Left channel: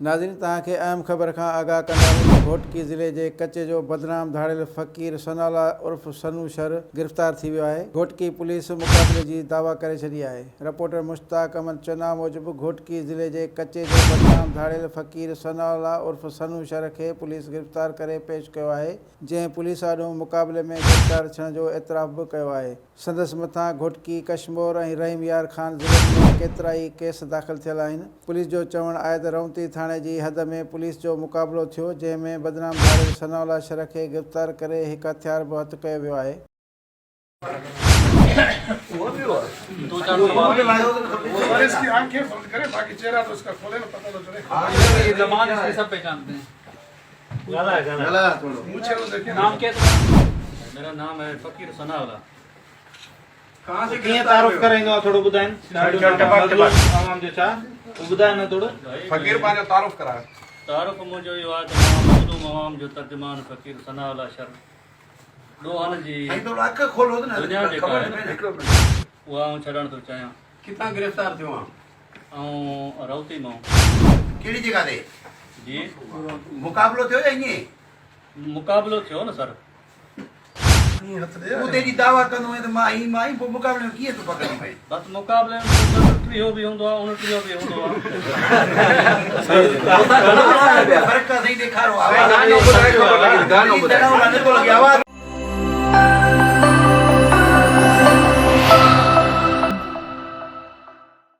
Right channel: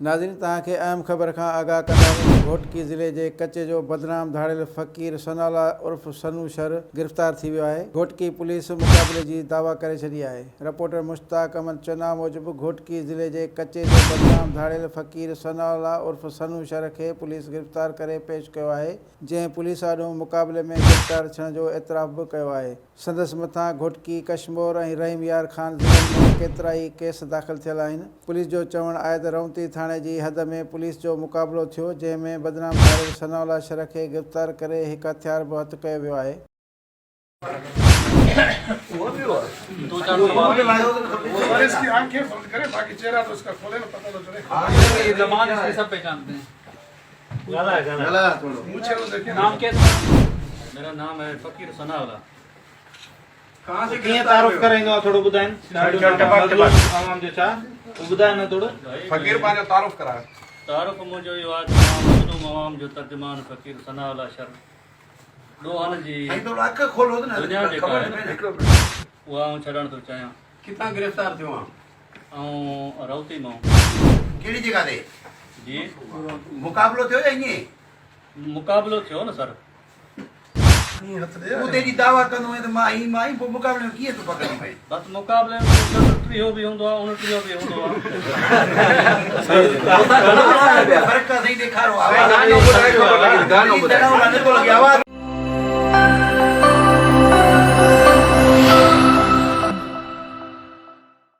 नाज़रीन तव्हांखे अहम ख़बर खां आगाह कंदासीं। घोटकी ज़िले जे कचे जो बदनाम धाड़ियल फ़क़ीर सनाउल्ला उर्फ़ सनू शर गिरफ़्तार थी वियो आहे। घोटकी पुलिस मुक़ाबले जी दावा करे छॾी आहे। रिपोर्टर मुश्ताक अहमद चना मूजिबि घोटकी ज़िले जे कचे जो बदनाम धाड़ियल फ़क़ीर सनाउल्ला उर्फ़ सनू शर खे पुलिस गिरफ़्तार करे पेश कयो आहे, जंहिं पुलिस आॾो मुक़ाबले में गिरफ़्तार थियण जो एतिराफ़ बि कयो आहे। संदसि मथां घोटकी, कशमोर ऐं रहीम यार ख़ान ज़िलनि में केतिरा ई केस दाख़िल थियल आहिनि। पुलिस जो चवणु आहे त रवंती थाणे जी हद में पुलिस जो मुक़ाबिलो थियो, जंहिं में बदनाम धाड़ियल सनाउल्ला शर खे गिरफ़्तार करे हिकु हथियार बि हथु कयो वियो आहे। इसकी आंखें बंद करें, बाकी चेहरा तो उसका खोले ना, पता तो चले। ये जमान इसके सब पहचानते हैं। मुझे तो देखिए नाम क्या है तुम्हारा? मेरा नाम है फ़क़ीर सनाउल्ला। कहां से किए तारुफ करेंगे थोड़ो बुधाइन आवाम जो छा बुधाइन थोड़ो फकीर पांजो तारुफ करा। तारुफ मुझो यो आहे त मां मज़लूम आवाम जो तर्जुमान फ़क़ीर सनाउल्ला शर ॾोहनि जी तो अख खोलो ना दुनिया जेका आहे न, हिकिड़ो मिनट, उहा आऊं छॾणु थो चाहियां। कितना गिरफ्तार थियो ऐं रवती मां केड़ी जगह ते जी मुकाबलो थियो या इए मुक़ाबिलो थियो न सर। वो तेरी दावा कंदो है तो माई वो मुकाबले में किए तो पकड़ भाई बस मुक़ाबले में तो टियो बि हूंदो आहे, 29 बि हूंदो आहे। फर्क का सही देखा रो आवाज गानो बुधाए गानो बुधाए